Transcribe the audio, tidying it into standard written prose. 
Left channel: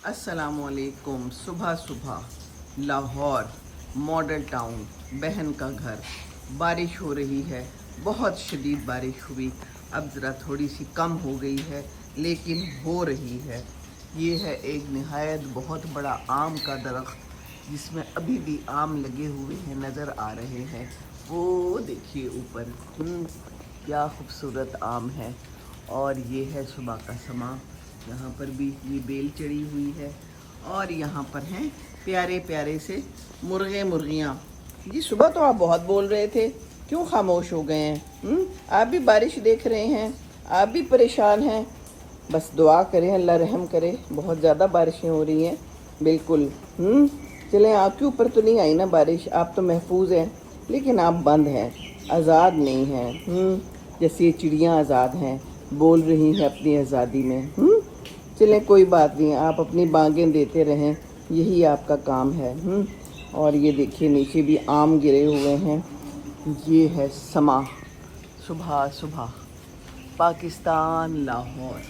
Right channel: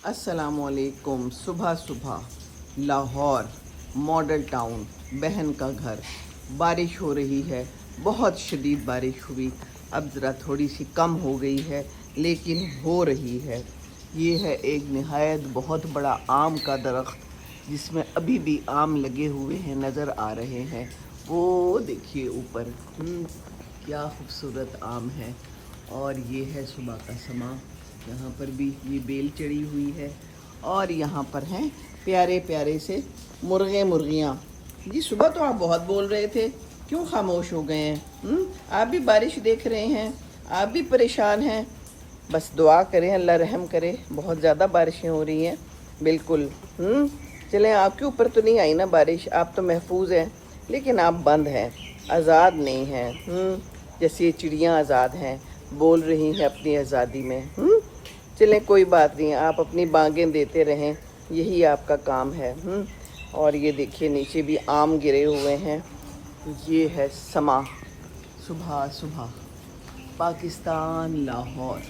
अस्सलामुअलैकुम। सुबह सुबह लाहौर मॉडल टाउन, बहन का घर, बारिश हो रही है। बहुत शदीद बारिश हुई, अब ज़रा थोड़ी सी कम हो गई है लेकिन हो रही है। ये है एक निहायत बहुत बड़ा आम का दरख्त जिसमें अभी भी आम लगे हुए हैं, नज़र आ रहे हैं। वो देखिए ऊपर, क्या खूबसूरत आम है। और ये है सुबह का समा। यहाँ पर भी ये बेल चढ़ी हुई है और यहाँ पर हैं प्यारे प्यारे से मुर्गे मुर्गियाँ। जी सुबह तो आप बहुत बोल रहे थे, क्यों खामोश हो गए हैं? आप भी बारिश देख रहे हैं, आप भी परेशान हैं। बस दुआ करें अल्लाह रहम करे, बहुत ज़्यादा बारिशें हो रही हैं। बिल्कुल चलें, आपके ऊपर तो नहीं आई ना बारिश, आप तो महफूज हैं, लेकिन आप बंद हैं, आज़ाद नहीं हैं। जैसे ये चिड़ियाँ आज़ाद हैं, बोल रही हैं अपनी आज़ादी में। चलें कोई बात नहीं, आप अपनी बांगें देते रहें, यही आपका काम है। और ये देखिए नीचे भी आम गिरे हुए हैं। ये है समा, सुबह सुबह, पाकिस्तान, लाहौर।